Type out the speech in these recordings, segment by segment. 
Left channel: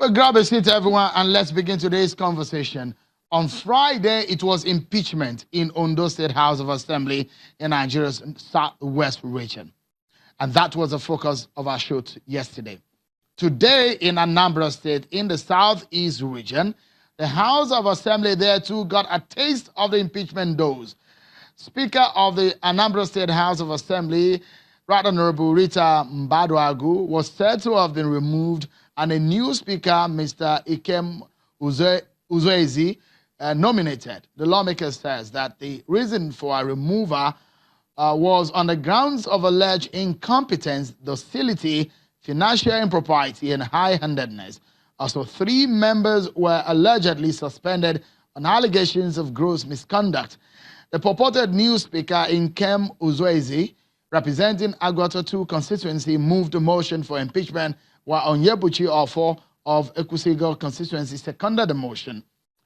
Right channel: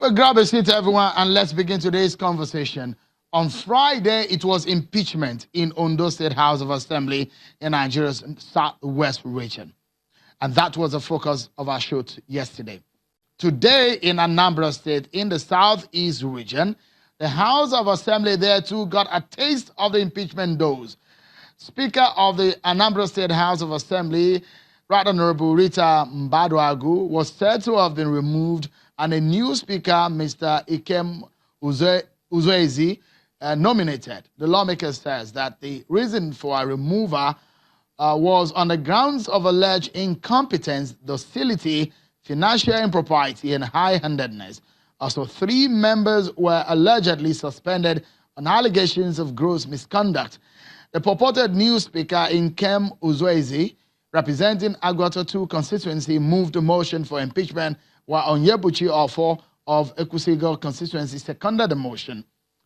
Well, grab a seat, everyone, and let's begin today's conversation. On Friday, it was impeachment in Ondo State House of Assembly in Nigeria's southwest region. And that was the focus of our show yesterday. Today, in Anambra State, in the southeast region, the House of Assembly there too got a taste of the impeachment dose. Speaker of the Anambra State House of Assembly, Right Honorable Rita Mbaduagu, was said to have been removed, and a new speaker, Mr. Ikem Uzoezi, nominated. The lawmaker says that the reason for a removal was on the grounds of alleged incompetence, docility, financial impropriety, and high-handedness. Also, 3 members were allegedly suspended on allegations of gross misconduct. The purported new speaker, Ikem Uzoezi, representing Agwata 2 constituency, moved a motion for impeachment, while Onyebuchi Ofo of Ekusigo constituency seconded the motion.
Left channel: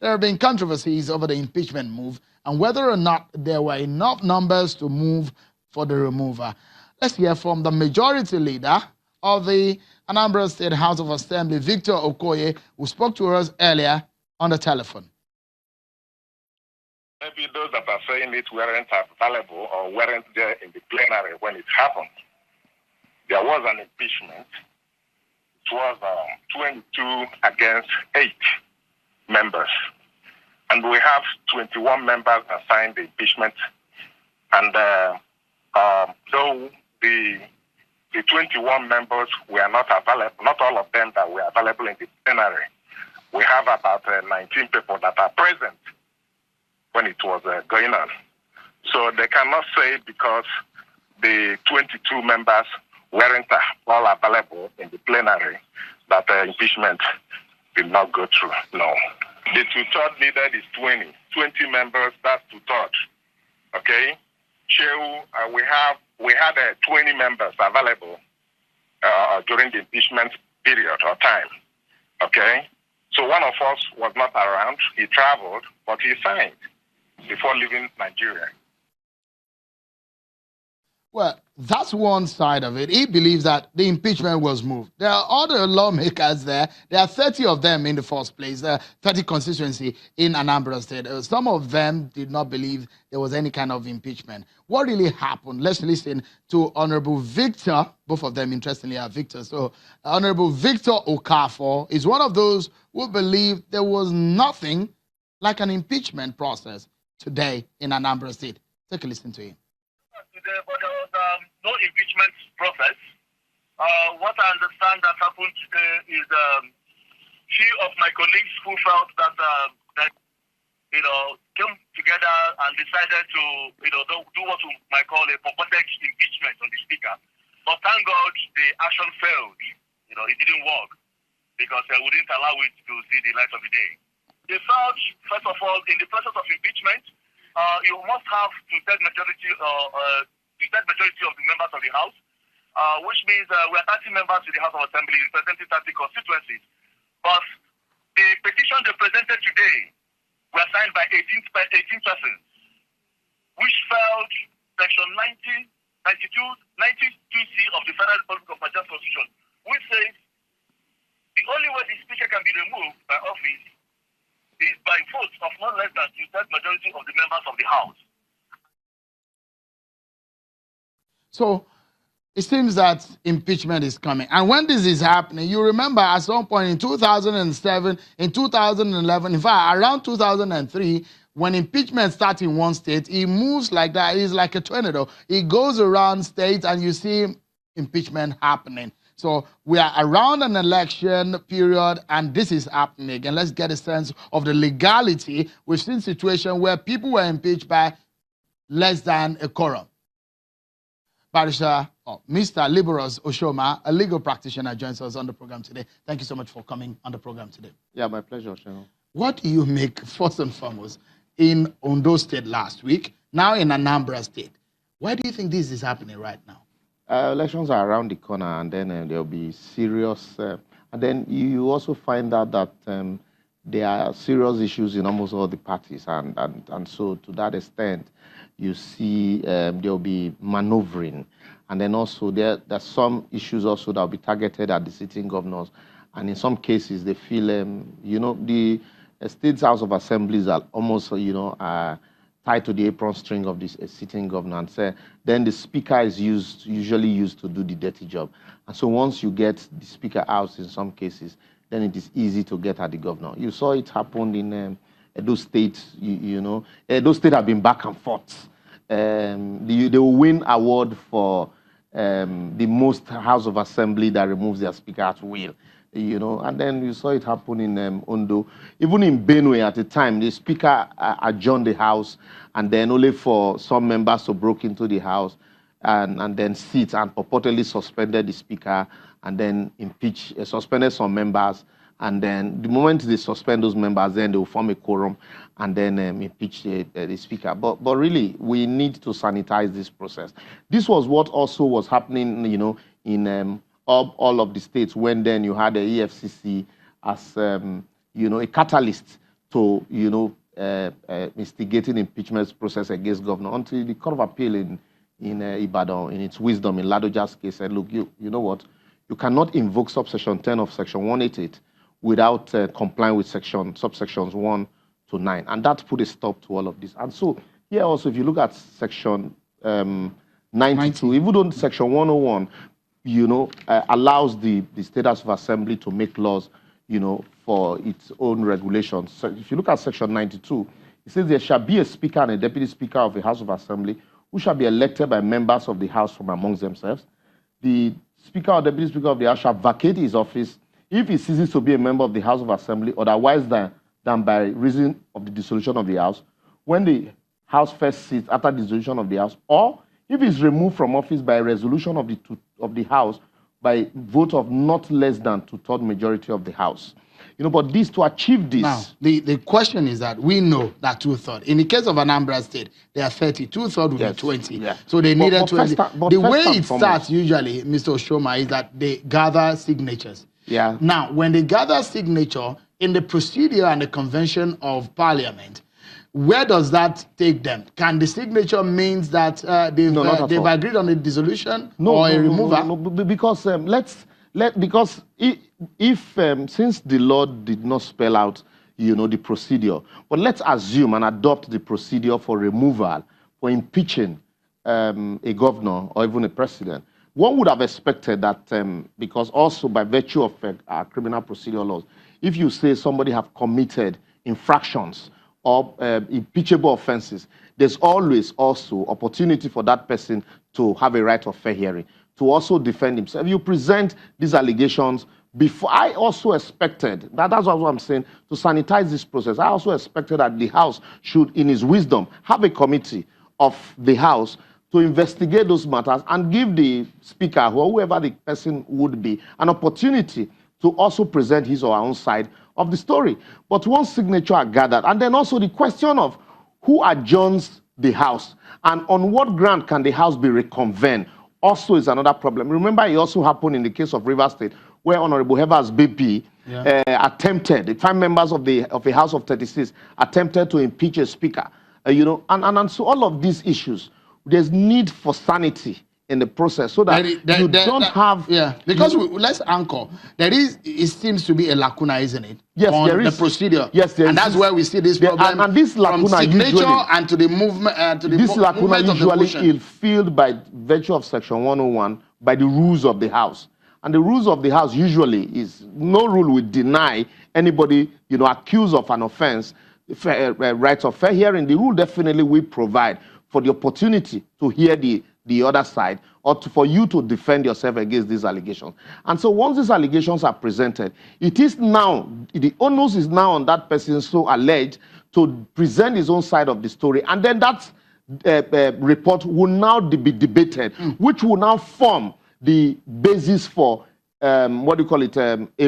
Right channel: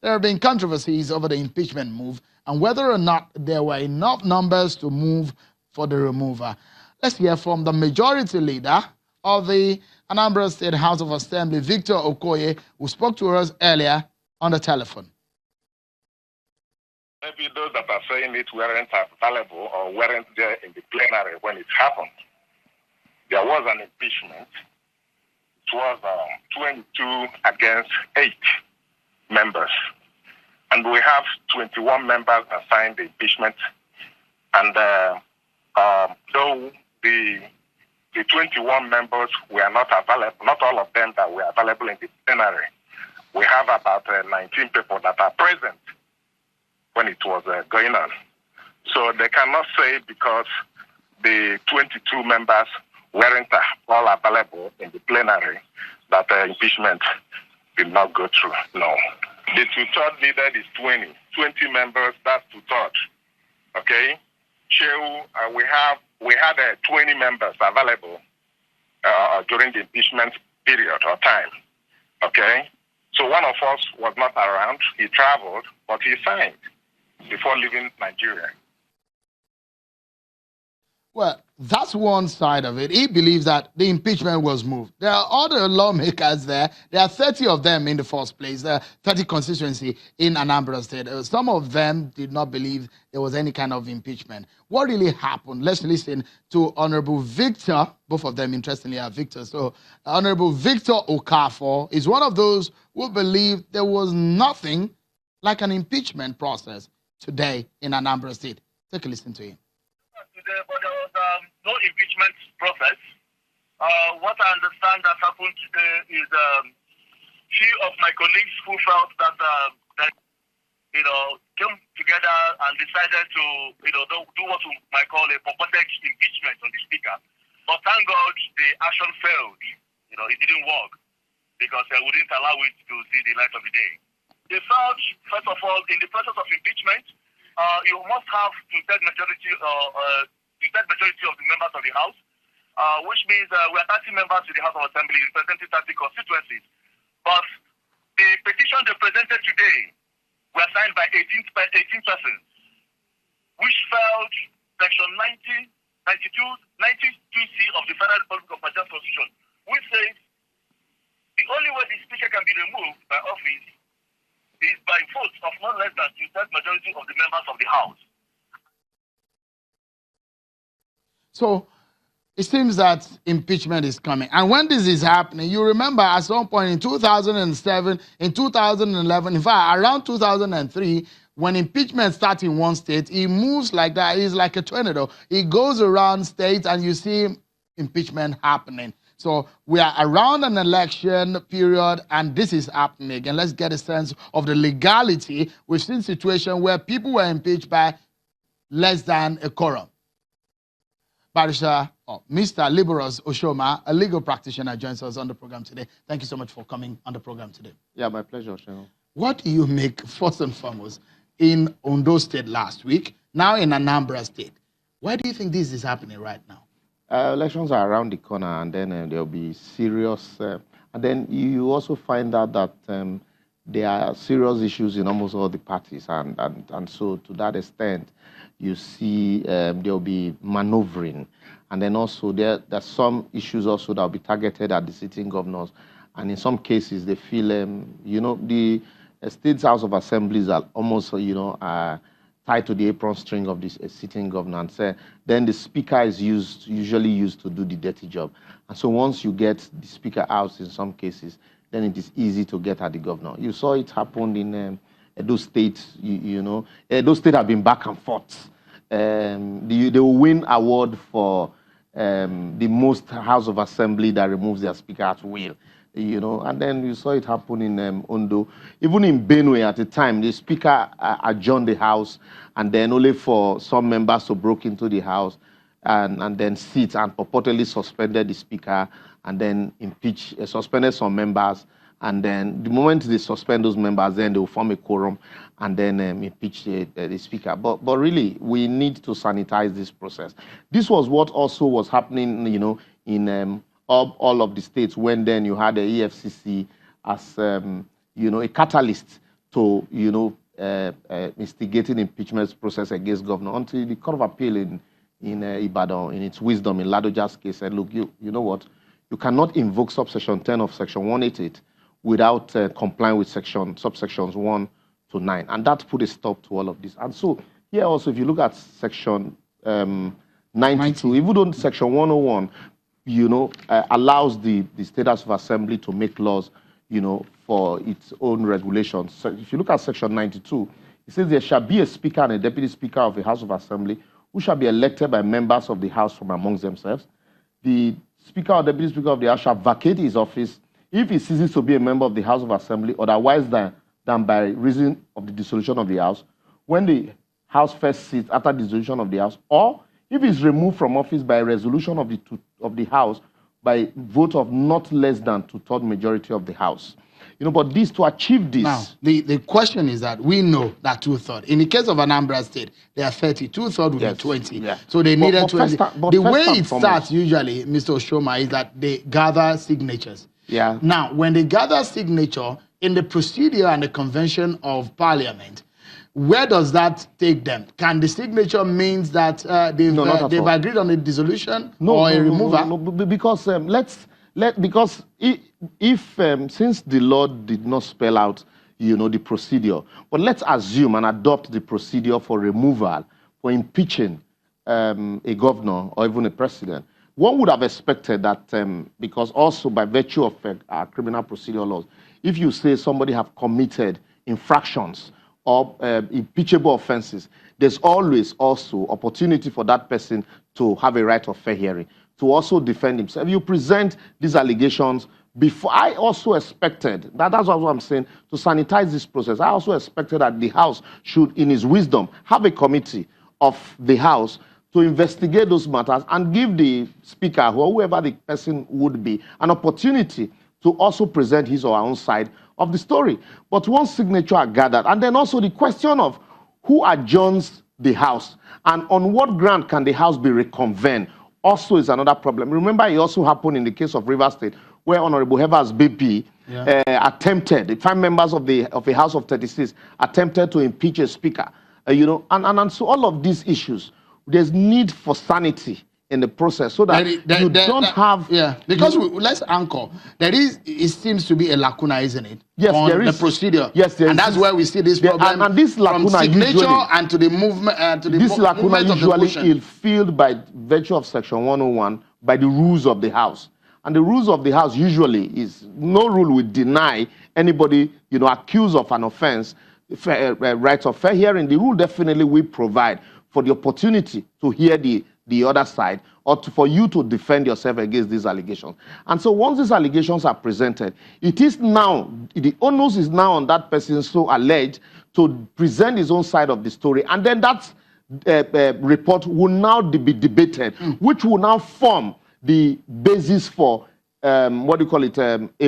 There have been controversies over the impeachment move and whether or not there were enough numbers to move for the removal. Let's hear from the majority leader of the Anambra State House of Assembly, Victor Okoye, who spoke to us earlier on the telephone. Maybe those that are saying it weren't available or weren't there in the plenary when it happened. There was an impeachment. It was 22 against 8 members. And we have 21 members that signed the impeachment. And though the 21 members were not available, not all of them that were available in the plenary, we have about 19 people that are present when it was going on. So they cannot say because the 22 members weren't all available in the plenary that impeachment did not go through. No. The two-third needed is 20 members, that's two-third. Okay? We had 20 members available during the impeachment period or time. Okay? So one of us was not around. He traveled, but he signed before leaving Nigeria. Well, that's one side of it. He believes that the impeachment was moved. There are other lawmakers there. There are 30 of them in the first place. There are 30 constituency in Anambra State. Some of them did not believe there was any kind of impeachment. What really happened? Let's listen to Honorable Victor. Both of them, interestingly, are Victor. So Honorable Victor Okafor is one of those who believe there was nothing like an impeachment process today in Anambra State. Take a listen to him. Today, but there was no impeachment process. What I understand that happened today is few of my colleagues who felt that came together and decided to do what we might call a purported impeachment on the speaker. But thank God the action failed. It didn't work because we didn't allow it to see the light of the day. They felt, first of all, in the process of impeachment, you must have two-thirds majority of the members of the House, which means we are 30 members in the House of Assembly representing 30 constituencies. But the petition they presented today were signed by 18 persons, which felt Section 92C of the Federal Republic of Nigeria Constitution, which says the only way the Speaker can be removed by office is by votes of not less than two-thirds majority of the members of the House. So it seems that impeachment is coming. And when this is happening, you remember at some point in 2007, in 2011, in fact, around 2003, when impeachment starts in one state, it moves like that. It's like a tornado. It goes around states and you see impeachment happening. So we are around an election period and this is happening again. Let's get a sense of the legality. We've seen situations where people were impeached by less than a quorum. Barrister, Mr. Liberos Oshoma, a legal practitioner, joins us on the program today. Thank you so much for coming on the program today. Yeah, my pleasure, Sharon. What do you make, first and foremost, in Ondo State last week, now in Anambra State? Why do you think this is happening right now? Elections are around the corner, and then there'll be serious. And then you also find out that there are serious issues in almost all the parties, and so to that extent, you see there'll be maneuvering, and then also there's some issues also that will be targeted at the sitting governors and in some cases they feel, the State House of Assemblies are almost, tied to the apron string of this sitting governor, and then the speaker is usually used to do the dirty job. And so once you get the speaker out in some cases, then it is easy to get at the governor. You saw it happen in Edo State. Edo State have been back and forth. They will win award for the most House of Assembly that removes their speaker at will. And then you saw it happen in Ondo. Even in Benue at the time, the speaker adjourned the house, and then only for some members to break into the house and then sit and purportedly suspended the speaker, and then suspended some members. And then the moment they suspend those members, then they will form a quorum and then impeach the speaker. But really, we need to sanitize this process. This was what also was happening, in all of the states, when then you had the EFCC as a catalyst to instigating impeachment process against governor, until the Court of Appeal in Ibadan, in its wisdom, in Ladoja's case, said, look, you know what, you cannot invoke subsection 10 of section 188 without complying with subsections 1 to 9, and that put a stop to all of this. And so here also, if you look at section 92, even though section 101 allows the State House of Assembly to make laws, for its own regulations. So if you look at section 92, it says there shall be a speaker and a deputy speaker of the House of Assembly who shall be elected by members of the House from amongst themselves. The speaker or deputy speaker of the House shall vacate his office if he ceases to be a member of the House of Assembly, otherwise than by reason of the dissolution of the House, when the House first sits after dissolution of the House, or if he is removed from office by a resolution of the House by vote of not less than 2/3 majority of the House. But to achieve this. Now, the question is that we know that 2/3. In the case of Anambra State, there are 30. 2/3 would be 20. Yeah. So they needed 20. The way it starts starts usually, Mr. Oshoma, is that they gather signatures. Yeah. Now, when they gather signature in the procedure and the convention of Parliament, where does that take them? Can the signature means that they've agreed on a dissolution or a removal? No, because because if since the law did not spell out the procedure, but let's assume and adopt the procedure for removal, for impeaching a governor or even a president, one would have expected that because also by virtue of our criminal procedure laws, if you say somebody have committed infractions or impeachable offenses, there's always also opportunity for that person to have a right of fair hearing, to also defend himself. You present these allegations before. I also expected, that's what I'm saying, to sanitize this process. I also expected that the House should, in its wisdom, have a committee of the House to investigate those matters and give the speaker, or whoever the person would be, an opportunity to also present his or her own side of the story. But once signatures are gathered, and then also the question of who adjourns the House and on what ground can the House be reconvened also is another problem. Remember, it also happened in the case of Rivers State, where Honorable Evers BP attempted, the 5 members of the House of 36 attempted to impeach a speaker. And so all of these issues, there's need for sanity in the process, so that because let's anchor. It seems to be a lacuna, isn't it? Yes, on there is. The procedure. Yes, and that's where we see this problem. And this lacuna from signature usually, and to the movement and to the this lacuna usually is filled by virtue of section 101 by the rules of the House. And the rules of the House usually is no rule will deny anybody accused of an offense rights of fair hearing. The rule definitely will provide for the opportunity to hear the other side, or for you to defend yourself against these allegations. And so once these allegations are presented, it is now, the onus is now on that person so alleged to present his own side of the story. And then that report will now be debated, which will now form the basis for a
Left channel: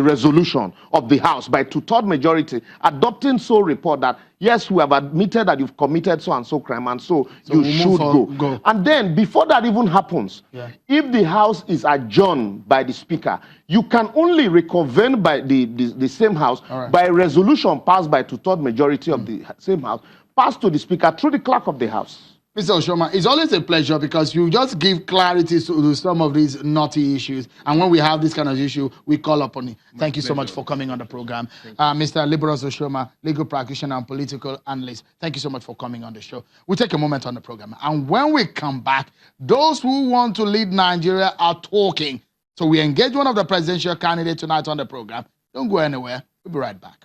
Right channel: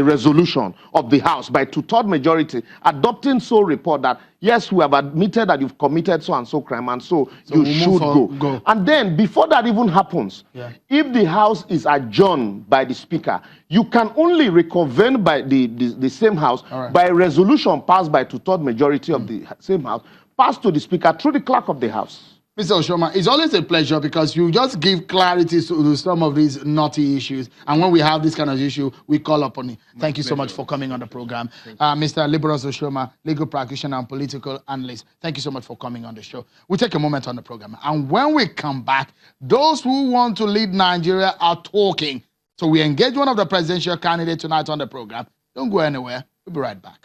resolution of the House by 2/3 majority, adopting so report that, yes, we have admitted that you've committed so and so crime, and so you should go. And then, before that even happens, if the House is adjourned by the Speaker, you can only reconvene by the same House by a resolution passed by 2/3 majority of the same House, passed to the Speaker through the Clerk of the House. Mr. Oshoma, it's always a pleasure because you just give clarity to some of these knotty issues. And when we have this kind of issue, we call upon you. Thank you so much for coming on the program. Mr. Liberos Oshoma, legal practitioner and political analyst, thank you so much for coming on the show. We'll take a moment on the program. And when we come back, those who want to lead Nigeria are talking. So we engage one of the presidential candidates tonight on the program. Don't go anywhere. We'll be right back.